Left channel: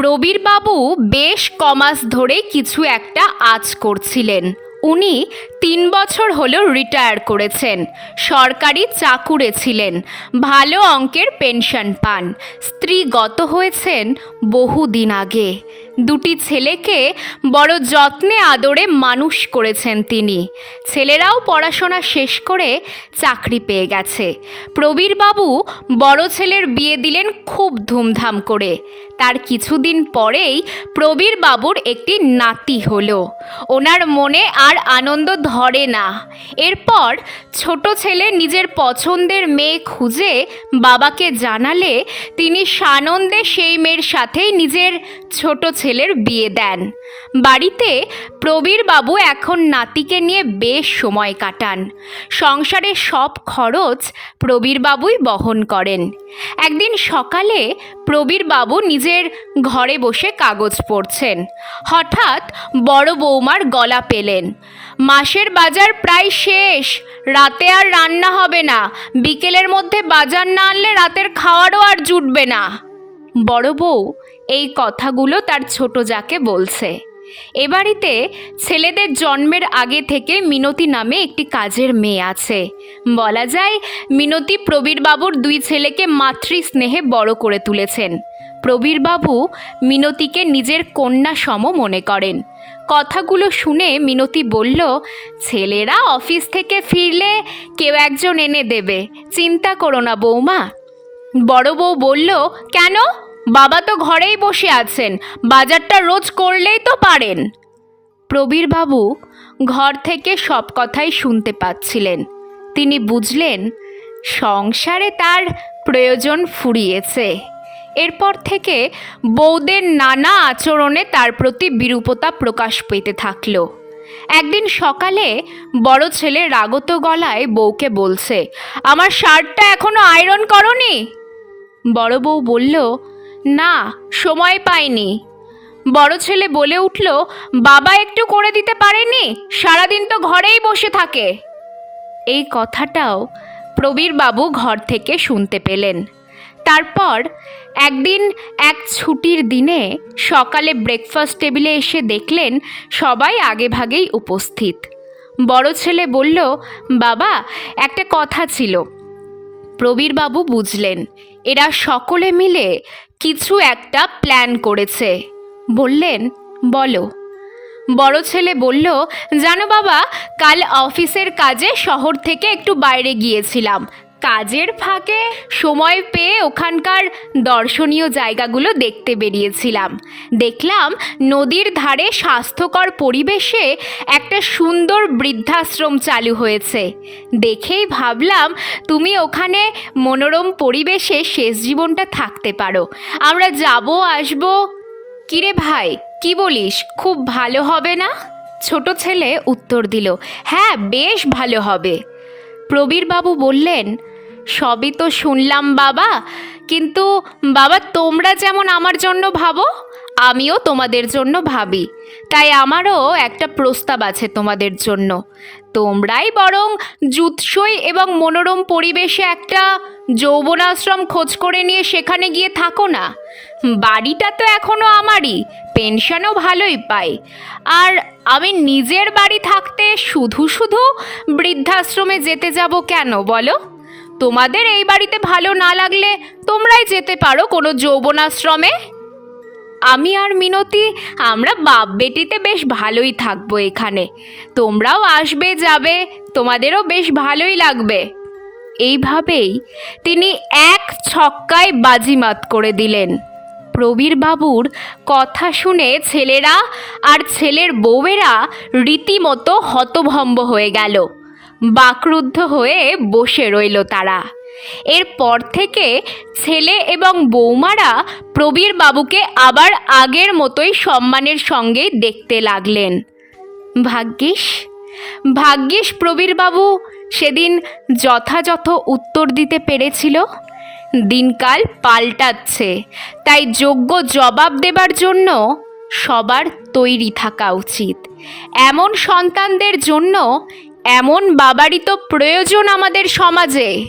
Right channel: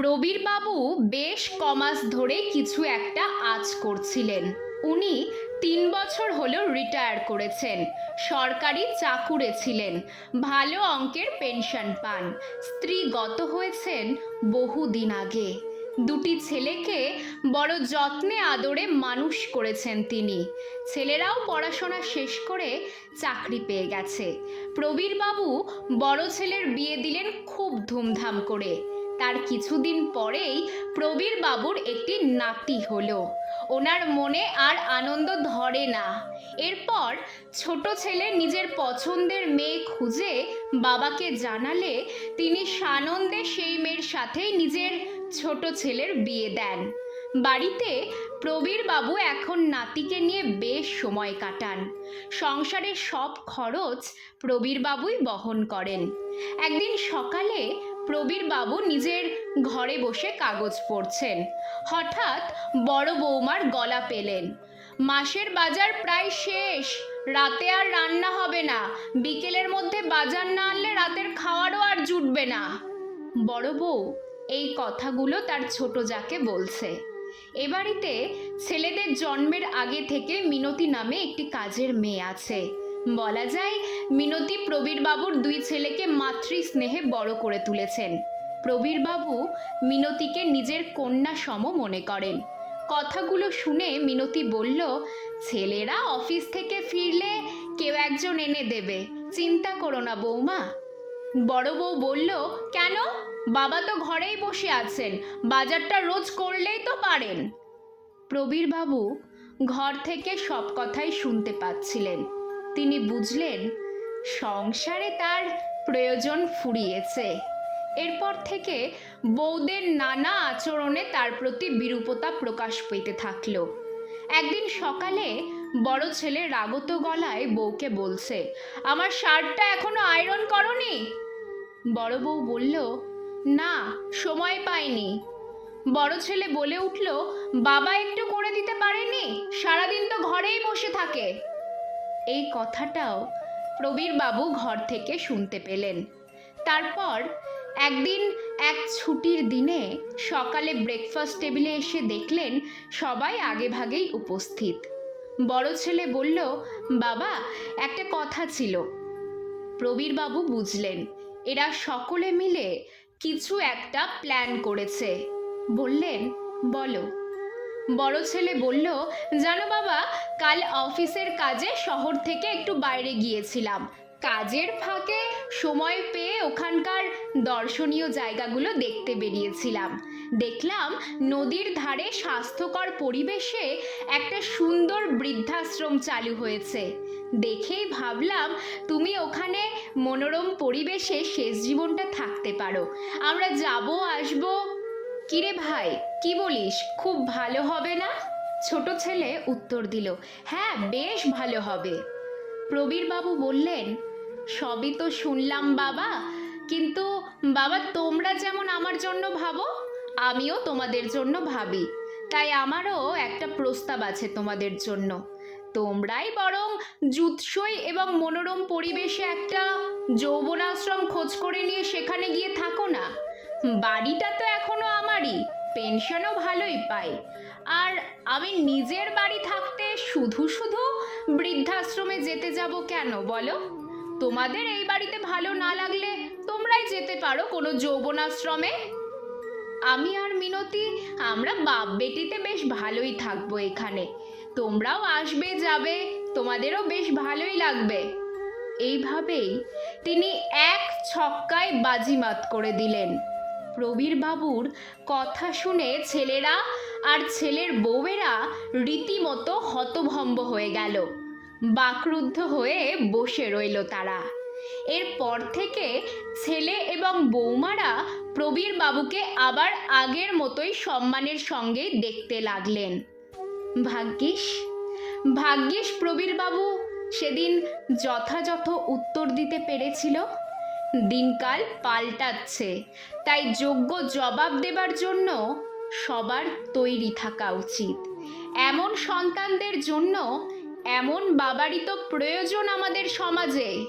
প্রবীরবাবু বেশ কমাস ধরে কিছু একটা আজ করছিলেন। উনি তিন বছর হলো রিটায়ার করেছেন। সরকারি চাকুরে ছিলেন। ভালো অঙ্কের পেনশন পান। স্ত্রী গত হয়েছেন বহুদিন আগে। দুটি ছেলেকে বড় যত্নে আদরে মানুষ করেছেন তিনি। ছেলেরাও পড়াশোনা শেষ করে চাকরি পেয়ে গেছে। প্রবীরবাবু বড় ছেলের বিয়ে দিলেন খুব ধুমধাম করে। তার কিছুদিন পরেই প্রবীর বাবুর একটি নাতি হলো। ওনার মনে আর আনন্দ ধরে না। এরপর ছোট ছেলে নিজের পছন্দের মেয়ে খুঁজে বাবাকে জানালে তিনি সানন্দে সেই মেয়ের সাথেই নিজের ছোট ছেলের বিয়ে দেন। বাড়িতে প্রবীর বাবু এখন নাতিকে নিয়ে বেশ সময় কাটান। সংসারের সব খরচ প্রবীর বাবুই বহন করেন। একদিন সকালে প্রবীর বাবু নিজের ঘরে বসে কাগজ পড়ছেন। হঠাৎ বড় বৌমার গলা পেলেন। মাসের বাজার প্রায় শেষ, রাতে আর রান্না হবে না। বিকেলের মধ্যে বাজার না আনলে রাতের খাওয়ারও আর জুটবে না। বড় বউ এই কথাগুলো তার ছোট যাকে বলছে। এ বাড়িতে ছেলেদের জন্মের আগে থেকে মিনতি নামে একটি কাজের মেয়ে আছে। বলা যায়, মিনতি প্রবীরবাবুর দুই ছেলেকে মাতৃ স্নেহে বড় করে তুলেছেন। প্রবীরবাবু মিনতিকে নিজের কন্যা সম মনে করেন। কথাগুলো শুনে মিনতি বলল, ছেলেরা অফিস থেকে ফিরলে কেউ একজন এনে দেবে। চিন্তা করো না বৌমা। বড় বউ বলল, কেন? বাবা তো ঘরেই বসে আছেন, বাজারটা রোজ করলেই তো পারেন। প্রবীরবাবু ঘর থেকে সব কথাই শুনতে পাচ্ছিলেন। তিনি বুঝলেন, সংসারে তার প্রয়োজন ফুরিয়েছে। এরপর থেকে বৌদের নানা আচরণে তার প্রতি বিরূপতা প্রকাশ পেতে থাকল। একদিন সকালে বড় ছেলে রাগত গলায় বউকে বলছে, আমার শার্টটা এখনও আয়রন করনি? বড় বউ বলল না, সময় পাইনি। বড় ছেলে বলে উঠল, বাবা একটু করে দিতে পারেনি? সারাদিন তো ঘরেই বসে থাকে। এই কথাটাও প্রবীর বাবু ঘর থেকে শুনতে পেলেন। তারপর একদিন এক ছুটির দিনে সকালে ব্রেকফাস্ট টেবিলে এসে দেখলেন সবাই আগে ভাগেই উপস্থিত। বড় ছেলে বলল, বাবা, একটা কথা ছিল। প্রবীরবাবু বুঝলেন, এরা সকলে মিলে কিছু একটা প্ল্যান করেছে। বললেন, বলো। বড় ছেলে বলল, জানো বাবা, কাল অফিসের কাজে শহর থেকে একটু বাইরে গিয়েছিলাম। কাজের ফাঁকে সময় পেয়ে ওখানকার দর্শনীয় জায়গাগুলো দেখতে বেরিয়েছিলাম। দেখলাম নদীর ধারে স্বাস্থ্যকর পরিবেশে একটা সুন্দর বৃদ্ধাশ্রম চালু হয়েছে। দেখেই ভাবলাম তুমি ওখানে মনোরম পরিবেশে শেষ জীবনটা থাকতে পারো। আমরা যাব, আসব? কিরে ভাই, কি বলিস? খুব ভালো হবে না? ছোট ছেলে উত্তর দিল হ্যাঁ বেশ ভালো হবে। প্রবীরবাবু বললেন সবই তো শুনলাম বাবা। কিন্তু বাবা, তোমরা যেমন আমার জন্য ভাবো, আমিও তোমাদের জন্য ভাবি। তাই আমারও একটা প্রস্তাব আছে তোমাদের জন্য। তোমরাই বরং জুৎসই এবং মনোরম পরিবেশে একটা যৌবনাশ্রম খোঁজ করে নিয়ে সেখানে গিয়ে থাকো না। বাড়িটা তো এখনও আমারই, পেনশনও ভালোই পাই। আর আমি নিজের বাড়ি থাকতে শুধু শুধু বৃদ্ধাশ্রমে যেতে যাব কেন বলো? তোমাদের এই বাড়িতে ভালো না লাগলে তোমরাই যেতে পারো কোনো যৌবনাশ্রমে? আমি আর মিনতি, আমরা বাপ বেটিতে বেশ ভালোই থাকব এখানে। তোমরাও আসবে, যাবে, তোমাদেরও বেশ ভালোই লাগবে। এইভাবেই তিনি এক ছক্কায় বাজিমাত করে দিলেন। প্রবীর বাবুর কথা শুনে ছেলেরা আর ছেলের বউয়েরা রীতিমতো হতভম্ব হয়ে গেল। বাকরুদ্ধ হয়ে বসে রইল তারা। এরপর থেকে ছেলে এবং বৌমারা প্রবীর বাবুকে আবার আগের মতোই সম্মানের সঙ্গে দেখতে লাগলেন। ভাগ্যিস ভাগ্যিস প্রবীরবাবু সেদিন যথাযথ উত্তর দিতে পেরেছিল। দিনকাল পাল্টাচ্ছে, তাই যোগ্য জবাব দেবার জন্য সবার তৈরি থাকা উচিত। এমন সন্তানদের জন্য এমন বাবারই তো প্রয়োজন আমাদের সমাজে।